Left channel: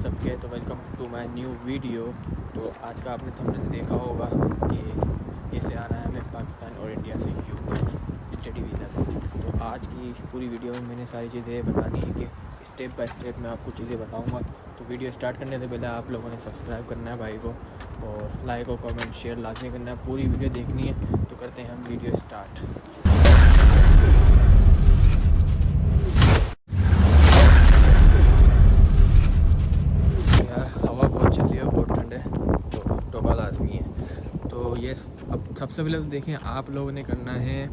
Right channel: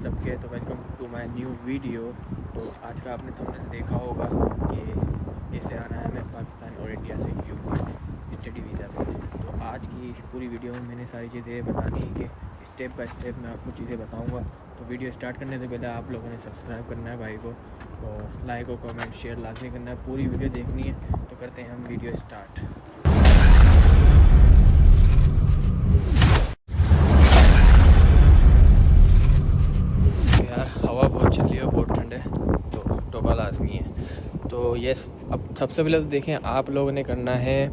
सबके। तो welcome to my new video. तो आज का आपने थंबनेल देखा होगा कि कैसे आना है हमें पाकिस्तान और इंडिया से यूके स्टडी वीज़ा पे। तो आज की पूरी वीडियो में मैंने सारी चीज़ें बतानी है कि स्टेप बाय स्टेप मैं आपको चीज़ें बताऊंगा। तो वीडियो स्टार्ट करने से पहले आप लोगों ने सब्सक्राइब करना है भाई को, और लाइक और कमेंट शेयर लाजमी करना है। पूरी वीडियो देखनी है। तो करते हैं हम वीडियो स्टार्ट। यार हवा बहुत चल रही है, बहुत ठंड है, तो टोपा लाजमी है। तो ये अब सबसे पहले तो देखें, आप लोगों ने करना है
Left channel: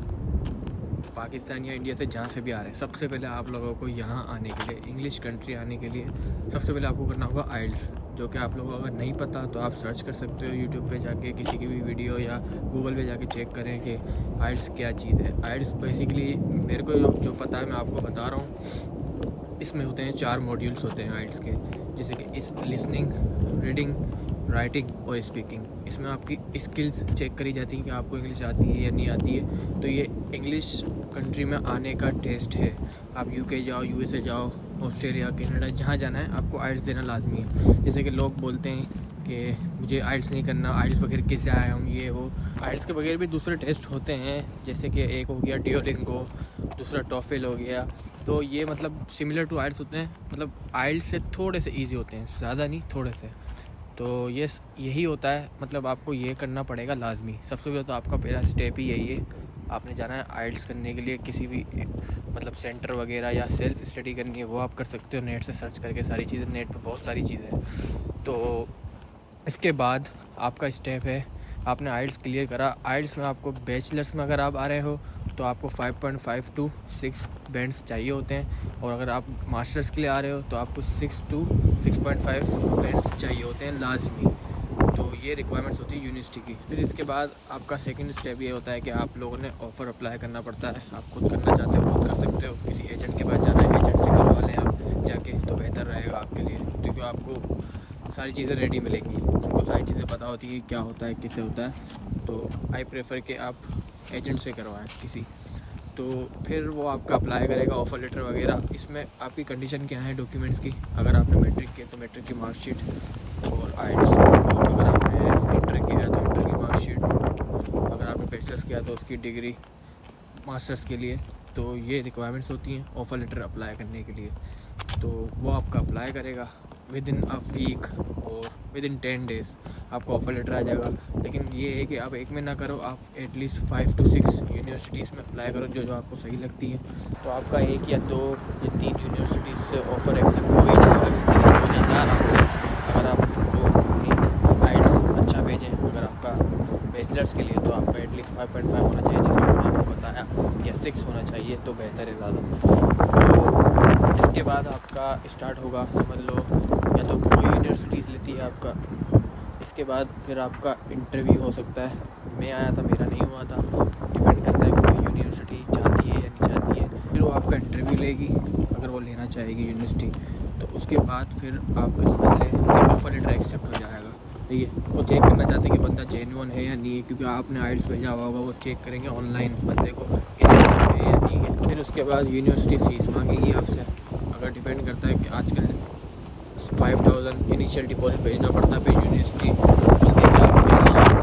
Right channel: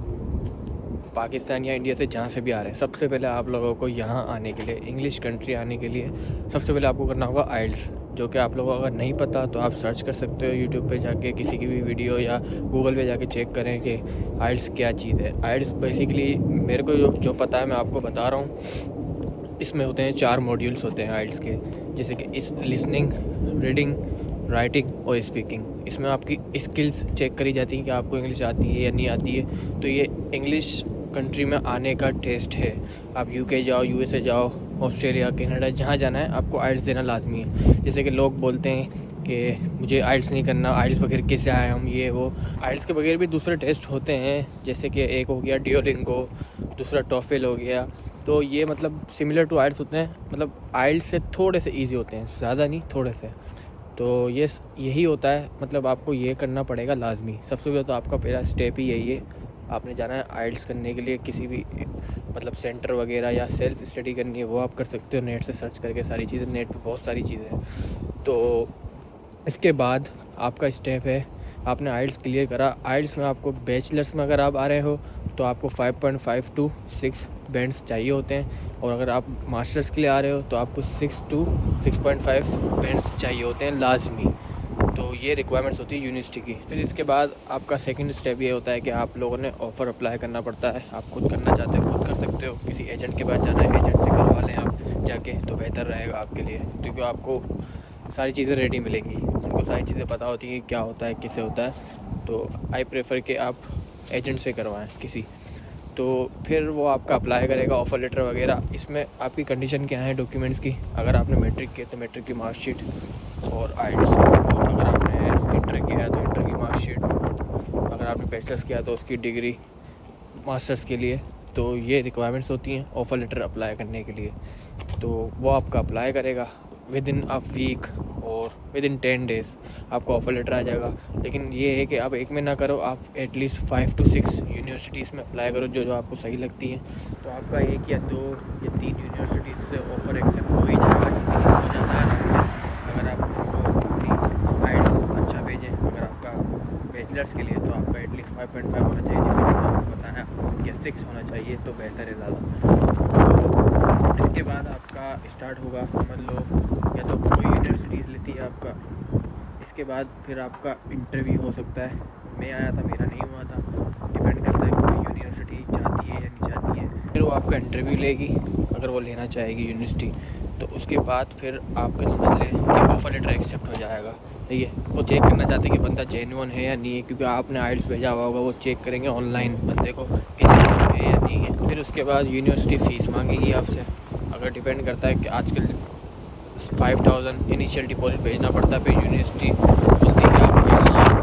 पाकिस्तान या इंडिया से जहाँ से भी आ रहे हैं, सबसे पहले आप लोगों को यहाँ आने के लिए, इंग्लिश कंट्री आने के लिए सबसे पहले आपको करना होगा आइल्स, जो कि आप लोगों को अगर नहीं पता तो आप सर्च कर सकते हो यूट्यूब पे जाके, किसी की भी वीडियो या गूगल पे जाके चेक करें कि आइल्स क्या चीज़ है। आइल्स बेसिकली मेरे को जो पता है मैं आपको बता रहा हूँ। इसमें होते हैं 4 मॉड्यूल्स होते हैं आइल्स के, जैसे कि इस लिसनिंग, रीडिंग, राइटिंग और स्पीकिंग। इसमें आपकी स्किल्स चेक करी जाती हैं कि आपको इंग्लिश आती है या नहीं आती है। तो ये इंग्लिश कंट्री में आने का टेस्ट है। आप यूके जाओ, यूएसए जाओ, ऑस्ट्रेलिया, कनाडा, जहाँ जाना है आपको आइल्स देना लाजमी है। जैसे कि लोग बोलते हैं कि मुझे आइल्स नहीं करना, आइल्स बगैर कैसे आए हम, ये वो। आइल्स के बगैर भी दूसरे टेस्ट होते हैं, जैसे कि एक हो गया डुओलिंगो, दूसरा टॉफल हो गया। तो ये मतलब सिमिलर टू आइल्स होते हैं, मतलब आइल्स से थोड़े से ईजी होते हैं, ज़्यादा नहीं, थोड़े से। तो यही होता है, मतलब आपको ये करना पड़ेगा लाजमी। सबसे पहले तो आपका पहला स्टेप ही यही है, आपने जाना है आइल्स करने के लिए किसी भी मतलब सेंटर वगैरह, या सेल्फ स्टडी करनी है वो आप कर सकते हो नेट से सर्च करके। सारी चीज़ें नेट पे बहुत सारी चीज़ें हैं। तो इसके बाद आपका स्टेप है, आपने आइल्स क्लियर करा। आइल्स में आपको बैचलर्स में अगर आप आ रहे हो तो आपको 5.5 to 6 बैंड्स चाहिए होते हैं, और अगर आप मास्टर्स के लिए आ रहे हो तो आपको 6 to 6.5 बैंड्स चाहिए होते हैं लाजमी। तो ये रिक्वायरमेंट्स होती है यूनिवर्सिटी की। फिर इसके बाद आपका सेकंड स्टेप ये होता है कि आप लोगों ने ऑफ़र अप्लाई करना पड़ता है। आप खुद करना चाहते हो खुद कर सकते हो, किसी एजेंट के पास जाना है एजेंट से करवा लें आप जाके, तो बेहतर रहेगा आपके लिए, क्योंकि आपको सारी चीज़ें रेडी मिलेंगी। उनको सारी चीज़ें पता होती हैं क्या होता है, किसे होता है। तो आई प्रेफर कि आप एजेंट से करवाएं किसी। तो फिर वो आपका अप्लाई करेगा ऑफ़र लेटर वगैरह। इसमें आपकी कंडीशन क्या है डॉक्यूमेंट्स की। अगर आपने मैट्रिक किया तो मैट्रिक की मार्कशीट और आइल्स। अगर आपने इंटर किया तो इंटर की मार्कशीट। अगर आपने बैचलर्स किया तो उसकी डिग्री मास्टर्स के लिए। तो ये रिक्वायरमेंट्स होती हैं ऑफ़र लेटर अप्लाई करने के लिए। तो वो आपका अप्लाई करेगा विद इन अ वीक और विद इन 10 डेज़ आपको ऑफ़र लेटर आ जाएगा। लेकिन ये है कि आप एक में ना करो, आप एटलीस्ट 5 to 6 यूनिवर्सिटीज़ में अप्लाई करो जो आपको सही लगती हैं। तो आपका 1 या 2 या 3 यूनिवर्सिटीज़ से ऑफ़र एक्सेप्ट हो ही जाएगा, इजीली हो जाता है आराम से। अगर आप उनको आइल्स अच्छा भेजें। अगर आपका बैचलर्स के लिए तो आपका एटलीस्ट 5.5 होना चाहिए, जैसे मैंने आपको बताया, या 6 होना चाहिए तो बेहतर है ज़्यादा। इसके बाद आपका स्टार्ट होगा, समझ लो, या तो कोई यूनिवर्सिटीज़ लेती है आपका। इसके बाद फिर आपका इंटरव्यू हो सकता है। मैं आया था, मेरा नहीं हुआ था, डिपेंड करता है कोई यूनिवर्सिटी चाहती है या नहीं चाहती है। फिर वो आपका इंटरव्यू लेगी, अगर वो लेना चाहेगी यूनिवर्सिटी। तो उसके बाद फिर आपका समझ लें कि ऑफ़र लेटर एक्सेप्ट हो जाएगा। ठीक है, वो चेक करना चाहते हैं कि बंदा जेन्युइन है या नहीं है, क्योंकि आपने आइल्स भेजा हुआ होगा, वो चेक करेंगे ऑनलाइन बंदे को कि जेन्युइन है या नहीं है। फिर उसके बाद यूनिवर्सिटी फ़ीस मांगेगी आपसे। अगर डिपेंड करता है कि आजकल 5000 इनिशियल डिपॉजिट भेजना पड़ता है। फिर यूनिवर्सिटी बोलती है कि आप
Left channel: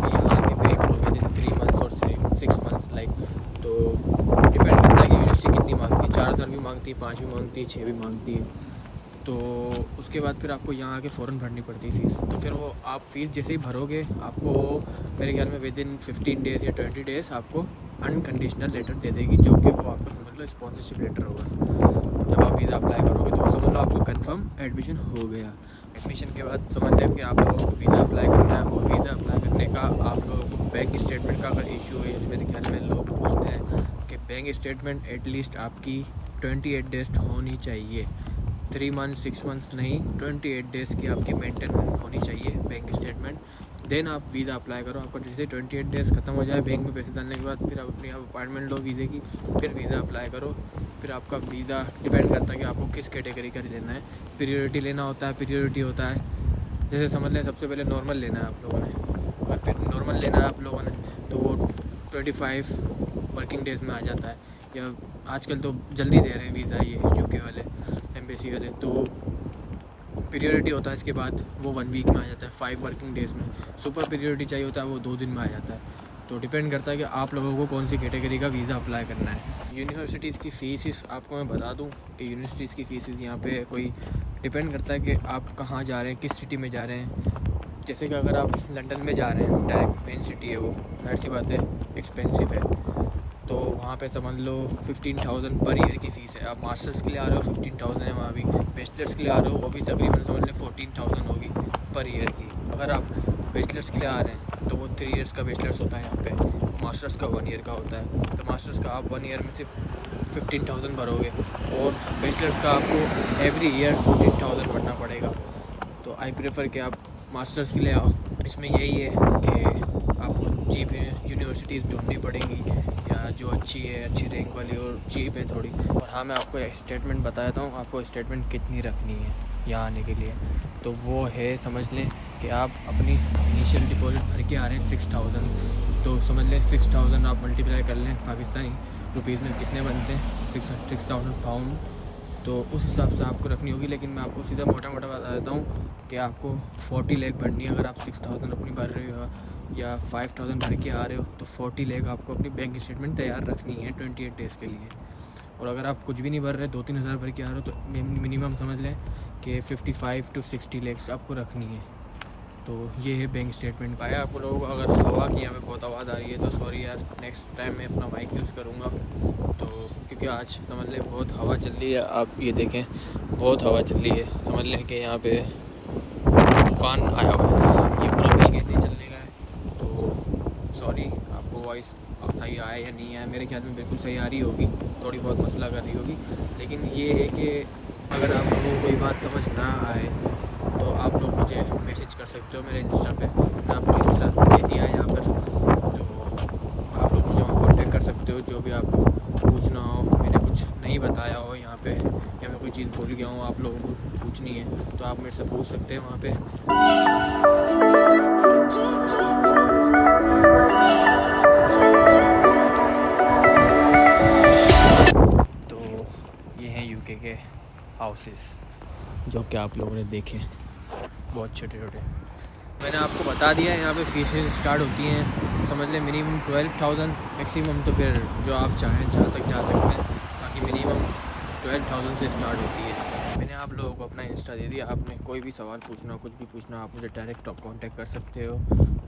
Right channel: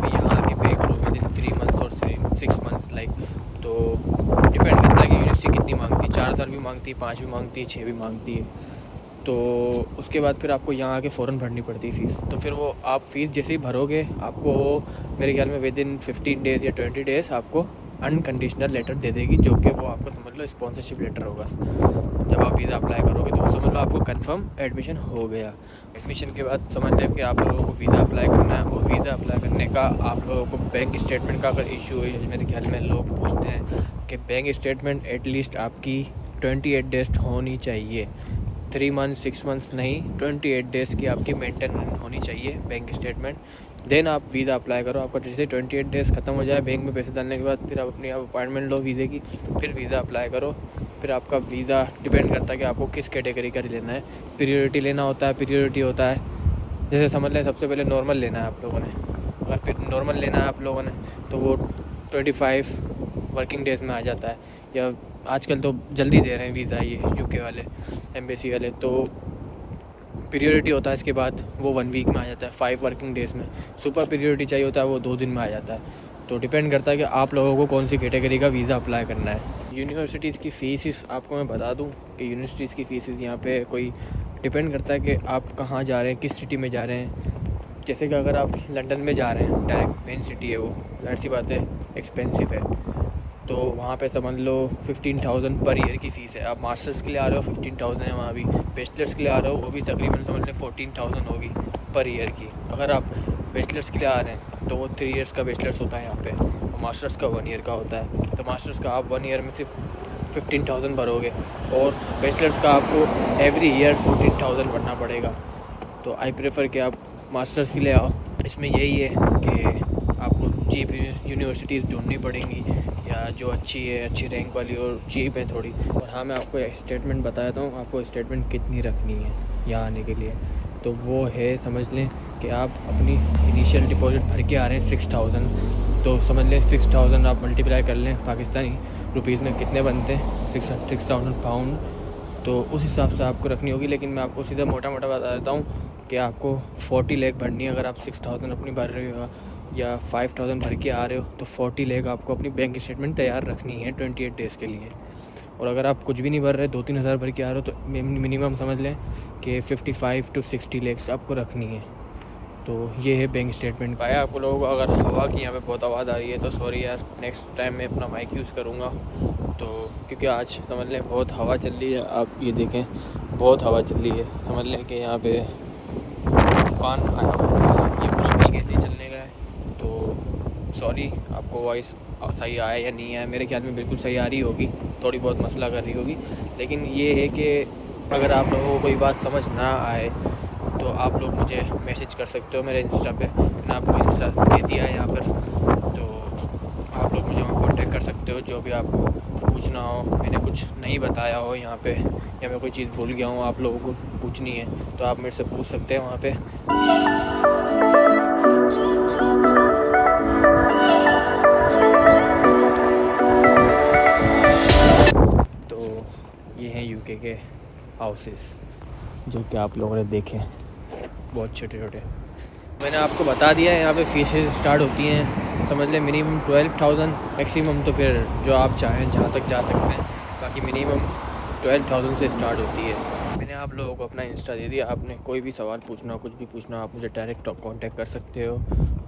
यहाँ आके पे करो विद इन 3 मंथ्स और 6 मंथ्स लाइक। तो डिपेंड करता है कि यूनिवर्सिटी कितनी मांगती है, 4000 भी मांगती है, 5 भी मांगती है, 6 भी मांगती है। तो उसके बाद फिर आपको यहाँ आके फ़ौरन भरनी पड़ती है फ़ीस। तो फिर वो आप फ़ीस जैसे ही भरोगे, आपको मेरे ख्याल में विद इन 15 डेज़ या 20 डेज़ आपको अनकंडीशनल लेटर दे देगी, जो कि वो आपको समझ लो स्पॉन्सरशिप लेटर होगा। जब आप वीज़ा अप्लाई करोगे तो समझ लो आपको कंफर्म एडमिशन हो गया। एडमिशन के बाद समझ लें कि आप लोगों को वीज़ा अप्लाई करना है, और वीज़ा अप्लाई करने का आप लोगों को बैंक स्टेटमेंट का अगर इशू है, मेरे ख्याल में लोग पूछते हैं कि बैंक स्टेटमेंट एटलीस्ट आपकी 28 डेज़ होनी चाहिए। 3 मंथ्स 6 मंथ्स नहीं, 28 डेज़ की आपकी मेंटेन होनी चाहिए बैंक स्टेटमेंट। देन आप वीज़ा अप्लाई करो। आपका जैसे 28 डेज़ ख़त्म हो जाए बैंक में पैसे डालने के बाद, फिर आप अपनी अपॉइंटमेंट लो वीज़े की, फिर वीज़ा अप्लाई करो। फिर आपका वीज़ा डिपेंड करता है कि आपको किस कैटेगरी का लेना है। प्रियोरिटी लेना होता है, प्रियोरिटी होता है, जैसे समझ लें सबसे पहले नॉर्मल लेना है आप लोगों ने। अगर फिर नॉर्मल लेना है आप लोगों ने तो वो 25 वर्किंग डेज़ में आ जाता है, या आजकल तो जल्दी दे रहे हैं वीज़ा ये यूके वाले, एम्बेसी वाले। तो पीरियोडिटी होता है इसके बाद वो 1 वीक में आ जाता है, 5 वर्किंग डेज़ में। सुपर पीरियोडिटी चाहिए होता है वो 2 दिन में आ जाता है। तो डिपेंड करता है कि आप लोगों को कौन सी कैटेगरी का वीज़ा अप्लाई करना है। यूनिवर्सिटीज़ की फ़ीस आपको मैं बता दूं कि यूनिवर्सिटीज़ की फ़ीस यहाँ पे कोई डिपेंड करता है कि आप कहाँ जा रहे हैं, किस सिटी में जा रहे हैं। जैसे कि अगर आप लंदन में जा रहे हैं, डायरेक्ट मेन सिटी है वो, ज़ाहिर सी बात है एक्सपेंसिव है, तो वहाँ पे समझ लो 15,000 पर ईयर की फ़ीस है। आप मास्टर्स के लिए आ रहे हो 15,000 है वहाँ भी, बैचलर्स के लिए आ रहे हो वो भी तकरीबन समझ लें 14,000 होगी पर ईयर की। अगर आप बैचलर्स के लिए आ रहे हैं तो वो 3 इयर्स का बैचलर्स होता है यहाँ पे, और मास्टर्स का 1 ईयर का होता है। तो मास्टर्स का आप 1 ईयर में सिर्फ 15,000 भरोगे, और बैचलर्स का आपको एवरी ईयर 14,000 भरना पड़ेगा। तो आई प्रेफर कि आप मास्टर्स के लिए आओ। इसमें यही है कि आपको चीप यूनिवर्सिटीज़ ढूंढनी पड़ेंगी, या जो अच्छी है, अच्छी रैंक वाली और चीप है थोड़ी। और हाँ, मैं आपको एक स्टेटमेंट बताता हूँ, आपको स्टेटमेंट कितनी रखनी है यहाँ आने के लिए। तो वो है, समझ लें कि आप अपनी इनिशियल डिपॉजिट भर के आ रहे हैं 6,000, तो समझ लें 6,000 आप मल्टीप्लाई कर लें पाकिस्तानी रुपीज़ में कितने बनते हैं, 6,000 पाउंड। तो उस हिसाब से आपको रखनी होगी। लेकिन मैं आपको सीधा मोटा मोटा बता देता हूँ कि आपको 40 लाख भरनी है अगर आप 6,000 अपनी भर रहे हो, या 5,000 भर के आ रहे हो, तो 40 लाख आपको अपनी बैंक स्टेटमेंट तैयार रखनी है 28 डेज़ के लिए। और अगर आप कुछ भी नहीं भर रहे, 2-3 हज़ार भर के आ रहे हो, तो मिनिमम समझ लें कि 55 to 60 लाख आपको रखनी है। तो ये है बैंक स्टेटमेंट। पाया आपको लोगों को अगर हवा की यहाँ पे बहुत आवाज़ आ रही है तो सॉरी यार, नेक्स्ट टाइम मैं अपना माइक यूज़ करूँगा। तो क्योंकि आज समझ लें बहुत हवा चल रही है, आप ये देखें बहुत हवा चल रही है। समझ लें कि यहाँ पे तूफ़ान आया हुआ है, ये पूरा भीगे से चलने का है। तो सॉरी, आपको वॉइस सही आया या नहीं आया, मेरे ख्याल में बिल्कुल सही आ रही होगी, थोड़ी बहुत मसला कर रही होगी। लेकिन ये है कि अगर आप लोगों को कोई बात समझ ना आए तो आप लोग मुझे मैसेज कर सकते हो मेरे इंस्टा पे। मैंने आपको इंस्टा दे दिया है यहाँ पर, तो आप लोग मुझे वहाँ कॉन्टेक्ट कर सकते हो। जो भी आपको पूछना हो, मैंने कुछ नहीं बताया हो यहाँ पे, या मैं कोई चीज़ भूल गया हूँ आप लोगों को पूछनी है, तो आप मेरे से पूछ सकते हैं वहाँ पे। तो ये हैं यूके के हाउसेस जो कि आप लोगों ने देखे, बहुत छोटे छोटे। मैंने आपको बता दिया है, यहाँ पे फीसेस स्टार्ट होती हैं समझ लें मिनिमम 12,000, मैक्सिमम तो फिर जो आप चाहें जहाँ तक जा सकते हैं, बाकी मिनिमम 12,000 से स्टार्ट होती है। मैंने आप लोगों को अपना इंस्टा दे दिया, आपने कोई भी सवाल पूछना हो, कुछ भी पूछना हो, आप मुझे डायरेक्ट कांटेक्ट कर सकते हो।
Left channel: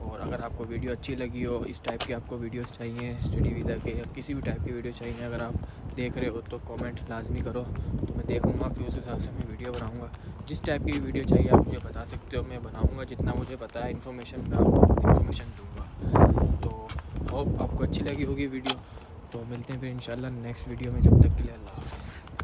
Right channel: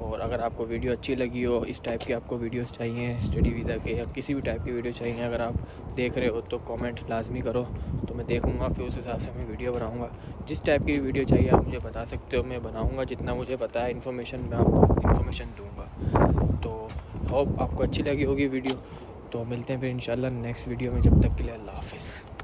और अगर आपको वीडियो अच्छी लगी हो, इस टाइप की आपको वीडियोस चाहिए स्टडी वीज़ा के, या किसी भी टाइप की वीडियो चाहिए, अगर आप देख रहे हो तो कमेंट लाजमी करो, तो मैं देख लूँगा, फिर उस हिसाब से मैं वीडियो बनाऊँगा। जिस टाइप की वीडियो चाहिए आप मुझे बता सकते हो, मैं बनाऊँगा। जितना मुझे पता है इन्फॉर्मेशन मैं आपको इन्फॉर्मेशन दूँगा। तो होप आपको अच्छी लगी होगी वीडियो। तो मिलते हैं फिर इंशाल्लाह नेक्स्ट वीडियो में, जब तक के लिए अल्लाह हाफ़िज़।